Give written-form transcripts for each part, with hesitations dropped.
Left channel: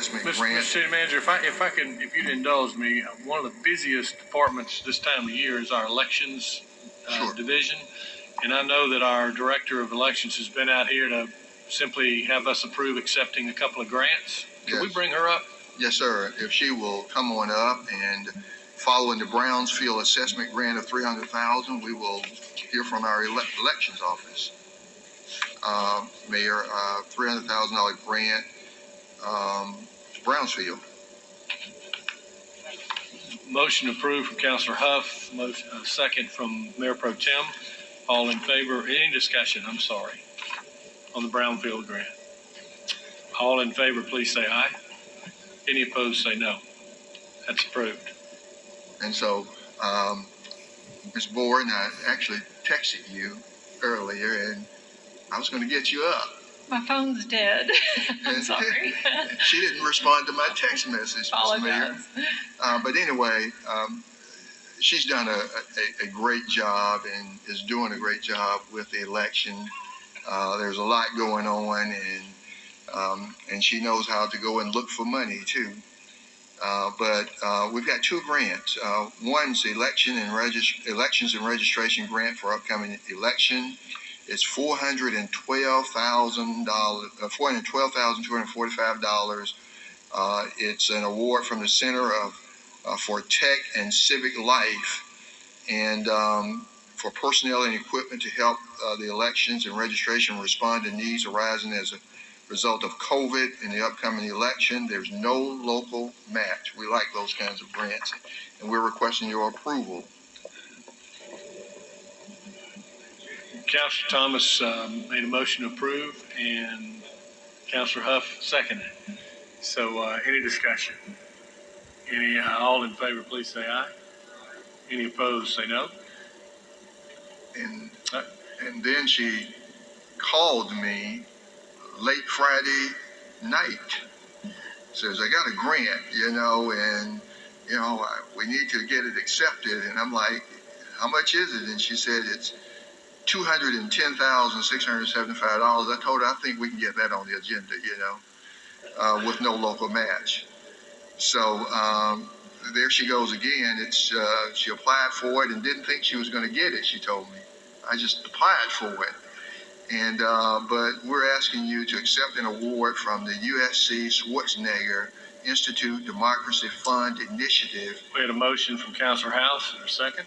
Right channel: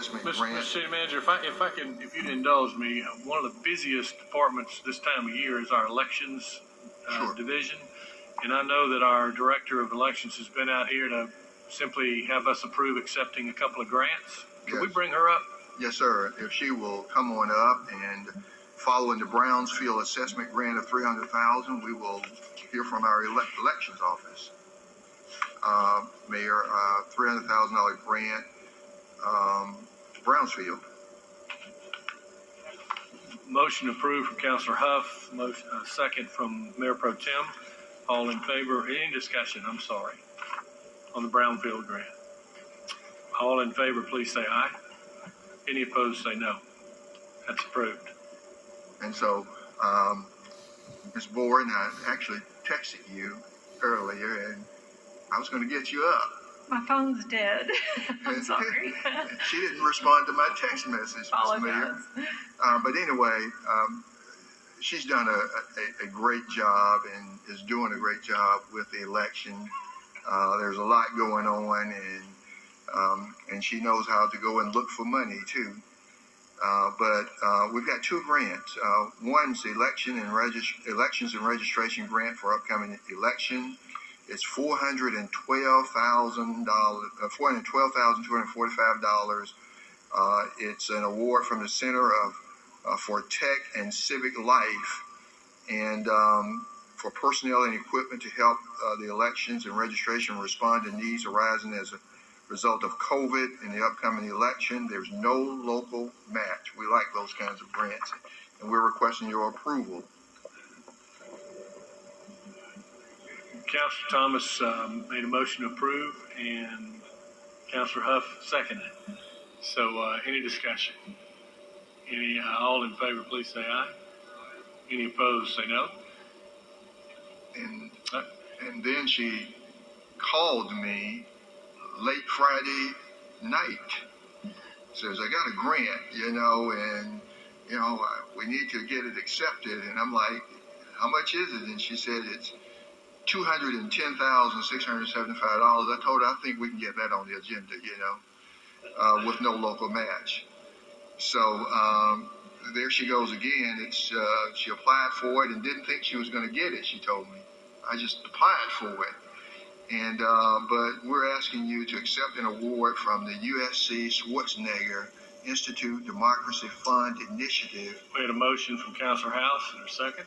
assessment grant. Mr. City Manager, if you'd indulge me, one of the busiest departments this time of year is our elections Sure. division. And I know that our director of elections has been out here to simply have us approve accepting a couple of grants. Can we bring her up? Yes, sir. If she will come on up, and following the Brownsfield assessment grant of $300,000, we will hear from our elections office. Mayor, $300,000 grant to Brownsfield. Motion approved from Councilor Huff. Motion, second from Mayor Pro Tem. All in favor? Any discussion? I'm sorry. On the Brownfield grant. All in favor, please say aye. Any opposed, say no. That's approved. And so, Ms. Borden, I actually texted you earlier, and I was going to get you up. My phone's dead. I'm sorry. She didn't respond to my text message, Ms. Mayor. But anyway, she's done a great job and is doing a great job with the election. There's a lot going on, and she knows how to go and look for money too. But we've got two grants. One's the elections and registration grant for upcoming election. It's $412,245. It's an award from the Center for Tech and Civic Life, and for personnel and equipment to help the elections and registration respond to needs arising as a result of COVID in the upcoming election. There's no local match. We like those kinds of grants, and we're requesting your approval. Councilor Thomas made a motion to approve, and Councilor Huff seconded. So any discussion? All in favor, please say aye. Any opposed, say no. And then she called me late Friday night. Says, I got a grant, and, we need to get it accepted. And I'm like, how much is it? And she said, it's $210,675. I told her, I think we can get that on the agenda, with no local match. So there she goes again. She applied for it and didn't think she was going to get it, she told me. I just applied for it. And but we're asking you to accept an award from the USC Schwarzennegar Institute Democracy Fund Initiative. We had a motion from Councilor House. Is there a second?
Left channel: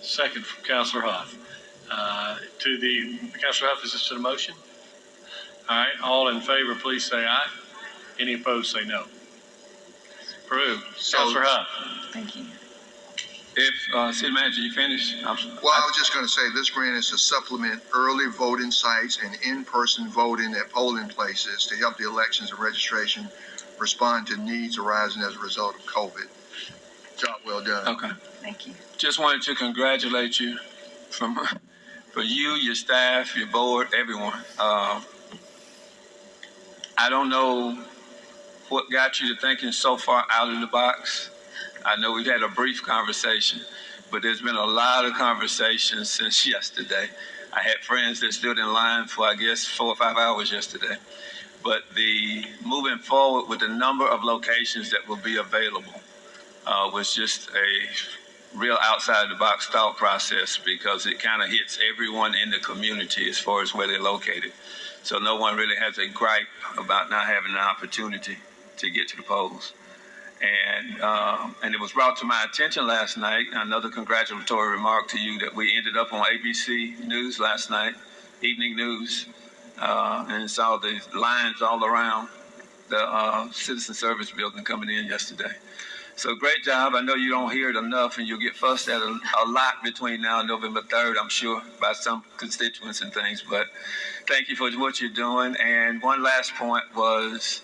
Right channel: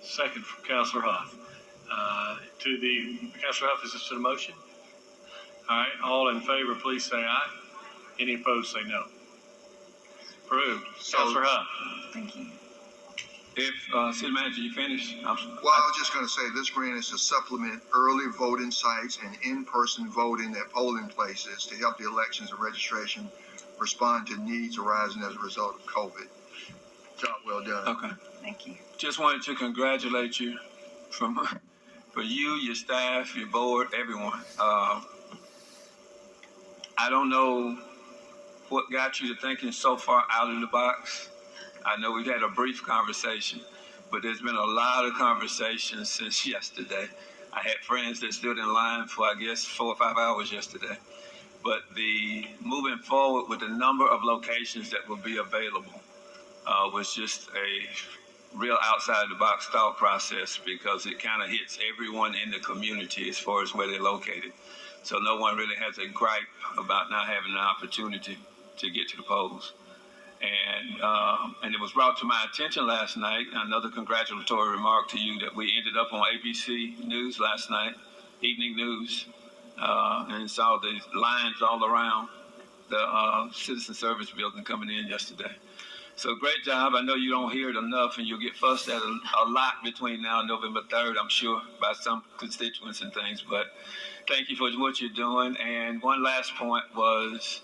Second from Councilor Huff. Councilor Huff, is this to the motion? All right. All in favor, please say aye. Any opposed, say no. Approved. Councilor Huff. Thank you. If City Manager, you finished? Well, I was just going to say this grant is to supplement early voting sites and in-person voting at polling places to help the elections and registration respond to needs arising as a result of COVID. Job well done. Okay. Thank you. Just wanted to congratulate you for you, your staff, your board, everyone. I don't know what got you to thinking so far out of the box. I know we've had a brief conversation, but there's been a lot of conversations since yesterday. I had friends that stood in line for, I guess, 4 or 5 hours yesterday. But the moving forward with the number of locations that will be available was just a real outside-the-box thought process, because it kind of hits everyone in the community as far as where they're located. So no one really has a gripe about not having an opportunity to get to the polls. And it was brought to my attention last night, another congratulatory remark to you, that we ended up on ABC News last night, evening news, and saw the lines all around the Citizen Service Building coming in yesterday. So great job. I know you don't hear it enough, and you'll get fussed at a lot between now and November 3rd, I'm sure, by some constituents and things. But thank you for what you're doing. And one last point was,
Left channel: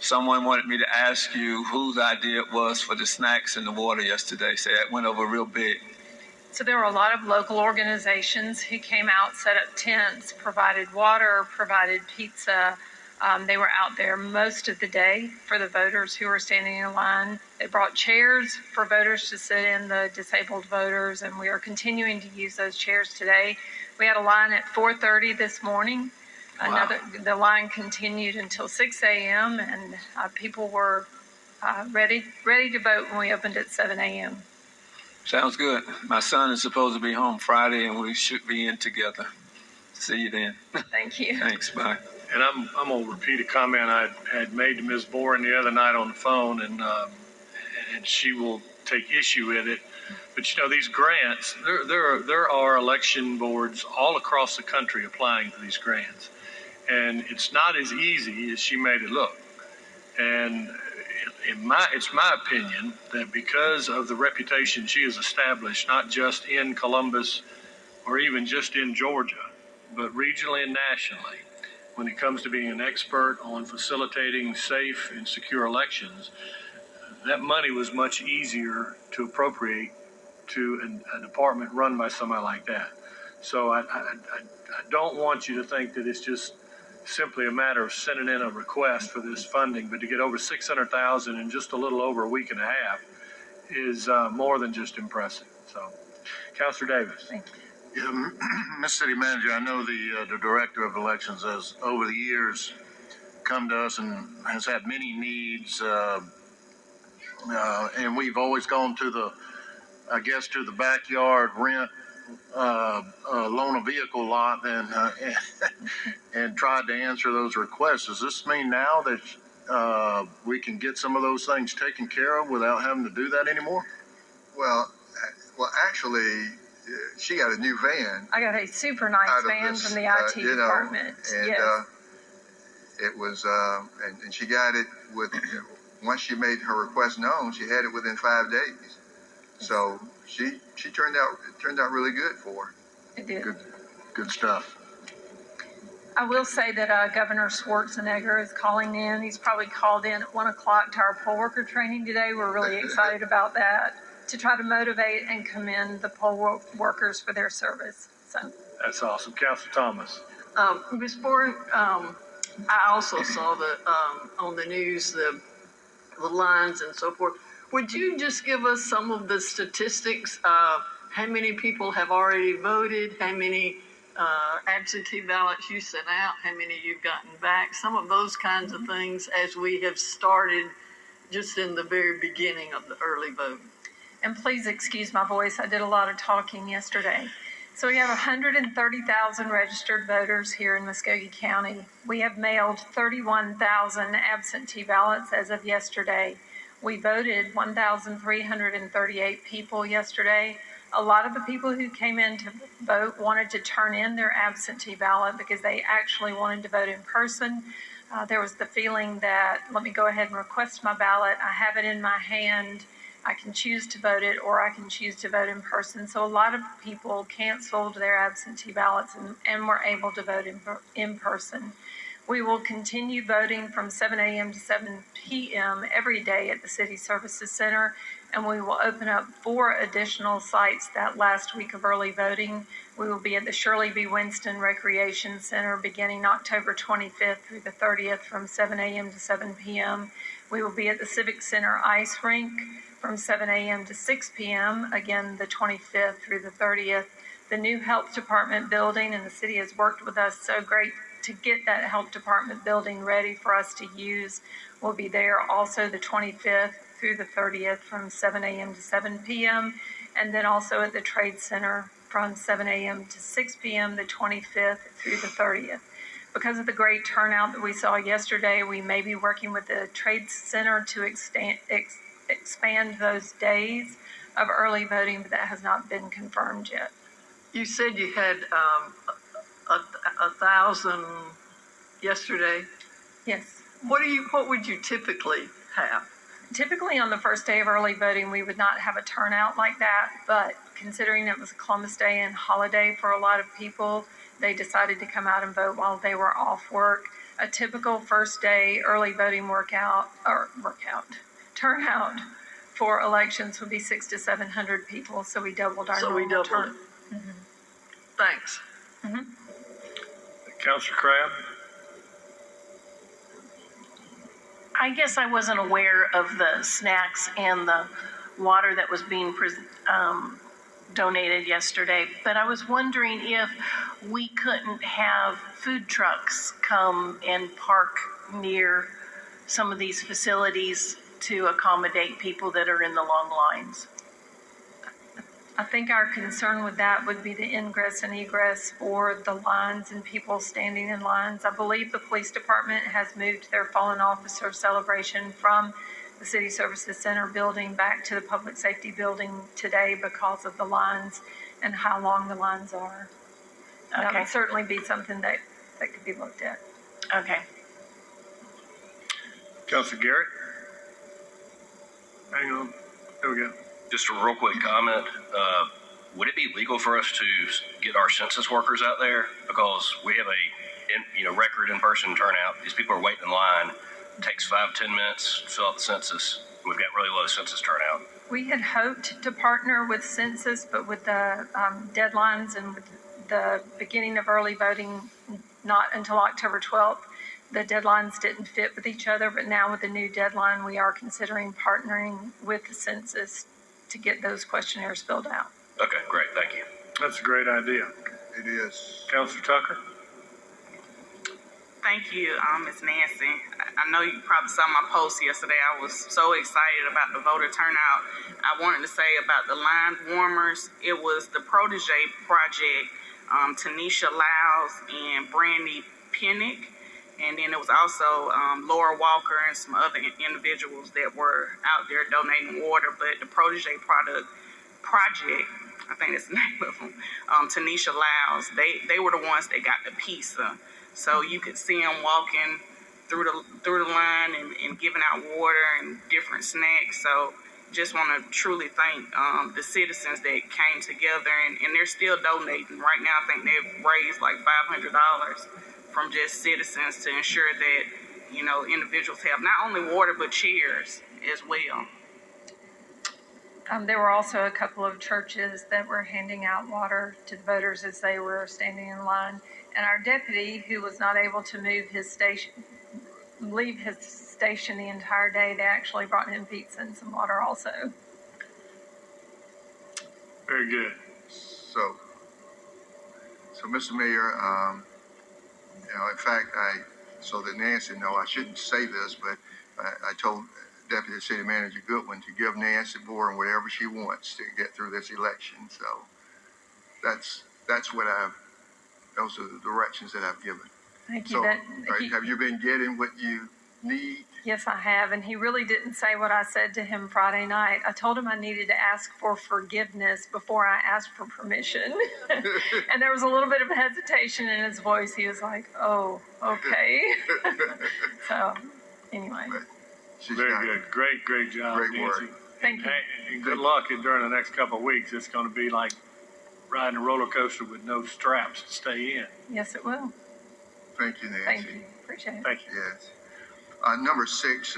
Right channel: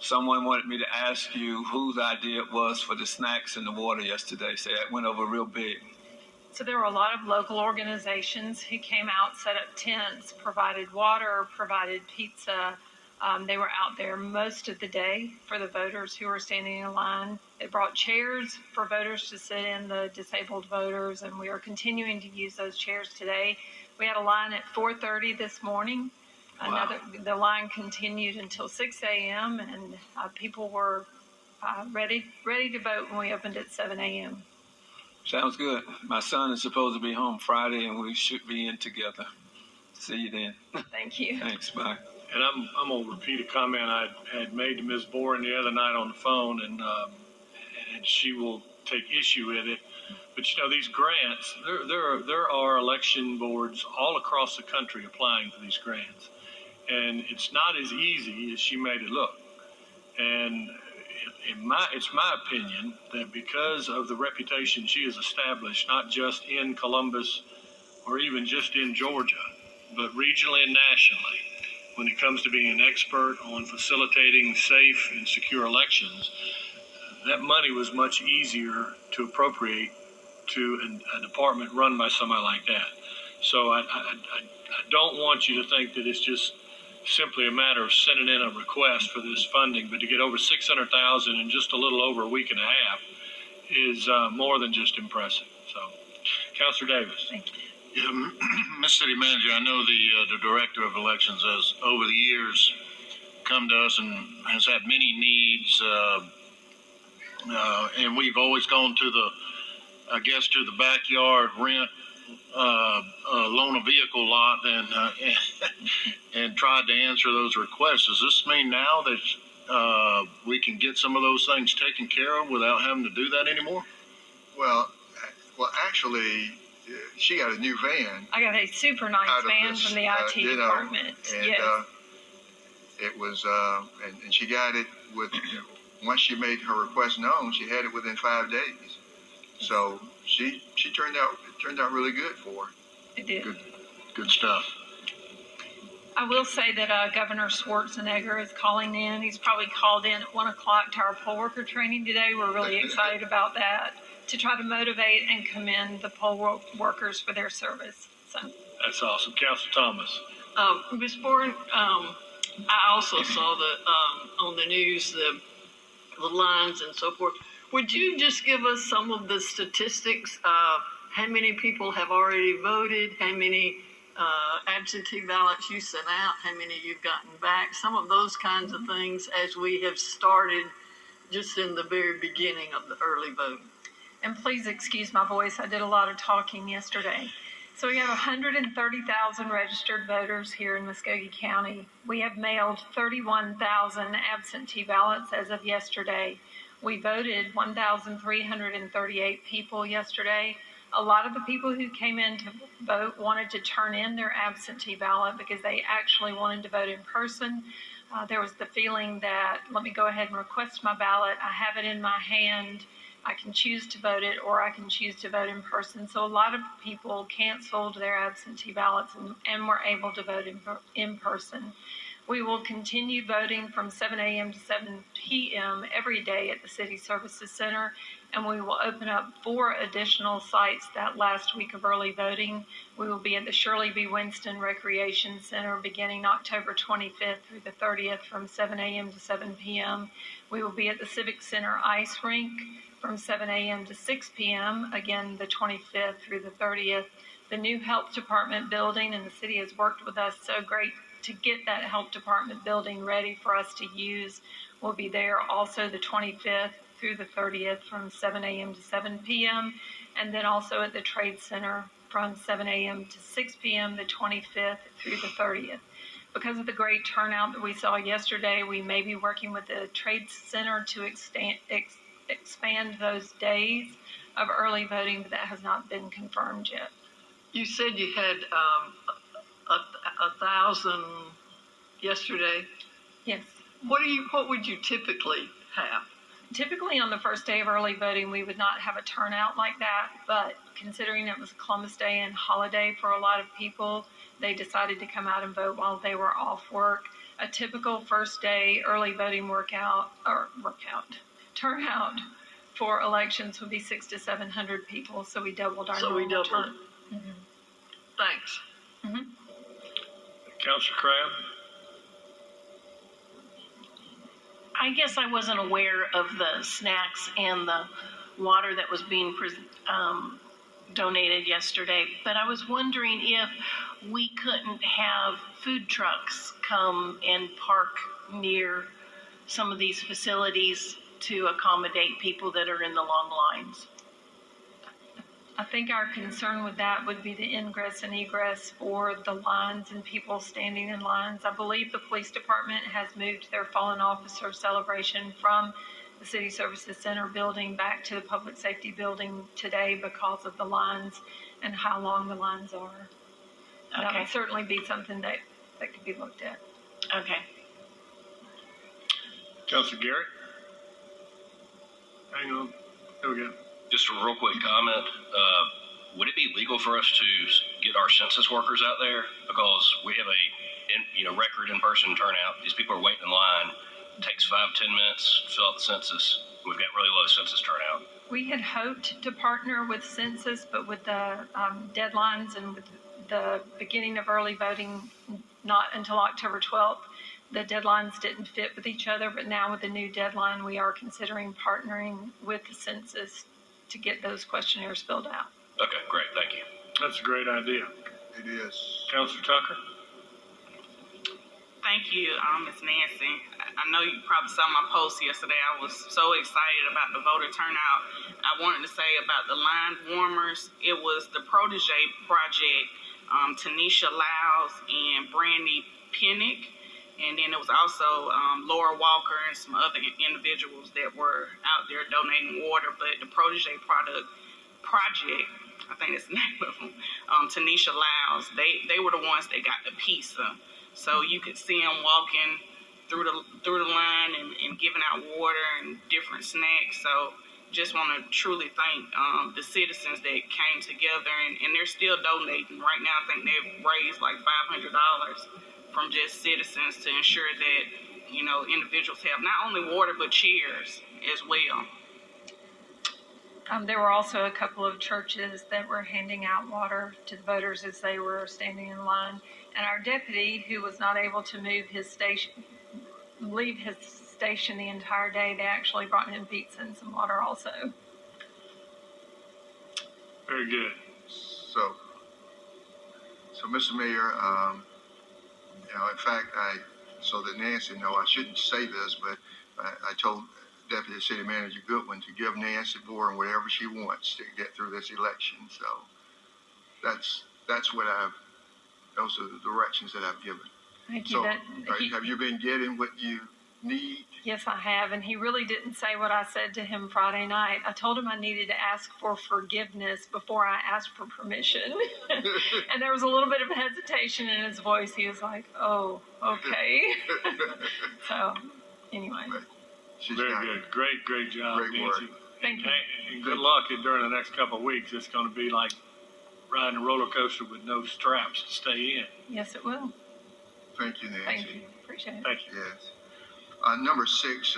someone wanted me to ask you whose idea it was for the snacks and the water yesterday. So that went over real big. So there were a lot of local organizations who came out, set up tents, provided water, provided pizza. They were out there most of the day for the voters who were standing in line. They brought chairs for voters to sit in, the disabled voters, and we are continuing to use those chairs today. We had a line at 4:30 this morning The line continued until 6 a.m. and people were ready to vote when we opened at 7 a.m. Sounds good. My son is supposed to be home Friday, and we should be in together. See you then. Thank you. Thanks. Bye. And I'm going to repeat a comment I had made to Ms. Boren the other night on the phone, and she will take issue with it. But these grants, there are election boards all across the country applying for these grants, and it's not as easy as she made it look. And it's my opinion that because of the reputation she has established, not just in Columbus or even just in Georgia, but regionally and nationally, when it comes to being an expert on facilitating safe and secure elections, that money was much easier to appropriate to a department run by somebody like that. So I don't want you to think that it's just simply a matter of sending in a request for this funding, but to get over $600,000 in just a little over a week and a half is more than just impressive. So, Councilor Davis. Thank you. Yeah, Mr. City Manager, I know the Director of Elections has over the years come to us and has had many needs, and we've always gone to the backyard rent, loan a vehicle lot and tried to answer those requests. Does this mean now that we can get some of those things taken care of without having to do that anymore? Well, actually, she got a new van. I got a super nice van from the IT department. And yes. It was, and she got it once she made her request known, she had it within 5 days. So she turned out really good for her. It did. Good stuff. I will say that Governor Schwarzennegar is calling in. He's probably called in at 1 o'clock to our poll worker training today. We're really excited about that, to try to motivate and commend the poll workers for their service. So That's awesome. Councilor Thomas. Ms. Boren, I also saw on the news the lines and so forth. Would you just give us some of the statistics of how many people have already voted, how many absentee ballots you sent out, how many you've gotten back, some of those kinds of things as we have started just in the very beginning of the early voting? And please excuse my voice. I did a lot of talking yesterday. So we have 130,000 registered voters here in Muskogee County. We have mailed 31,000 absentee ballots as of yesterday. We voted 1,338 people yesterday. A lot of the people who came in to vote wanted to turn in their absentee ballot because they actually wanted to vote in person. There was the feeling that, let me go ahead and request my ballot. I have it in my hand. I can choose to vote it, or I can choose to vote in person. So a lot of people canceled their absentee ballots and were able to vote in person. We will continue voting from 7 a.m. to 7 p.m. every day at the City Services Center, and we will open up 4 additional sites that last week of early voting. We will be at the Shirley B. Winston Recreation Center beginning October 25th through the 30th from 7 a.m. to 7 p.m. We will be at the Civic Center Ice Rink from 7 a.m. to 6 p.m., again, the 25th through the 30th. The new health department building, and the city has worked with us so great to get that health department building ready for us to use, will be there also the 25th through the 30th from 7 a.m. to 7 p.m. And then also at the Trade Center from 7 a.m. to 6 p.m. the 25th through the 30th. Because of the great turnout that we saw yesterday, we may be working with the Trade Center to expand those days of early voting, but that has not been confirmed yet. You said you had 1,000 yesterday. Yes. What would you typically have? Typically on the first day of early voting, we would not have a turnout like that, but considering it was Columbus Day and holiday for a lot of people, they decided to come out and vote while they were off work. A typical first day early voting turnout for elections would be 600 to 700 people, so we doubled our normal turn. Mm-hmm. Thanks. Mm-hmm. Councilor Crabb. I guess I wasn't aware of the snacks and the water that was being donated yesterday, but I was wondering if we couldn't have food trucks come and park near some of these facilities to accommodate people that are in the long lines. I think our concern with that would be the ingress and egress for the lines and people standing in lines. I believe the police department has moved their fallen officer celebration from the City Services Center building back to the Public Safety building today because of the lines and how long the lines are. That Okay. would certainly be something that could be looked at. Okay. Councilor Garrett? Hang on. There we go. Just a real quick comment. Would it be legal for us to get our census workers out there? Because we have a record in-person turnout. These people are waiting in line. It takes 5-10 minutes to fill out the census. We've got really low census turnout. We had hoped to partner with Census, but with the deadlines and with the beginning of early voting not until October 12th, the deadlines didn't fit with each other. But now with the new deadline, we are considering partnering with the Census to get those questionnaires filled out. Okay, great. Thank you. That's a great idea. It is. Councilor Tucker? Thank you, Ms. Nancy. I know you probably saw my post yesterday. I was so excited about the voter turnout. I wanted to say about the line warmers. It was the Protege Project, Tanisha Lyles and Brandy Pinnick. And then it was also Laura Walker and some other individuals that were out there donating water. But the Protege Project, I think that's the name of them, Tanisha Lyles, they were the ones that got the pizza. So you could see them walking through the line and giving out water and different snacks. So just want to truly thank the citizens that came together, and they're still donating. Right now, I think they've raised like $500 from just citizens to ensure that, individuals have not only water, but chairs as well. There were also a couple of churches that were handing out water to the voters as they were standing in line. And our deputy, who was not able to leave his station the entire day, they actually brought him pizza and some water also. Very good. So Mr. Mayor, in fact, so that Nancy know, I shouldn't say this, but I told Deputy City Manager Goodwin to give Nancy Boren whatever she wants to get through this election. So that's what those are the directions that I've given. Thank you. So have you been getting what you need? Yes, I have. And he really didn't say what I said to him Friday night. I told him I needed to ask for forgiveness before I asked for permission. And there was a little bit of hesitation in his voice. He was like, oh, okay. So anyway. Very good. Great job, Great Nancy. work. Thank you. And good luck during the next couple of weeks. It's going to be like riding a roller coaster with no straps to stay in. Yes, it will. Thank you, Nancy. Thank you. Appreciate it. Thank you. Yes. Number 6,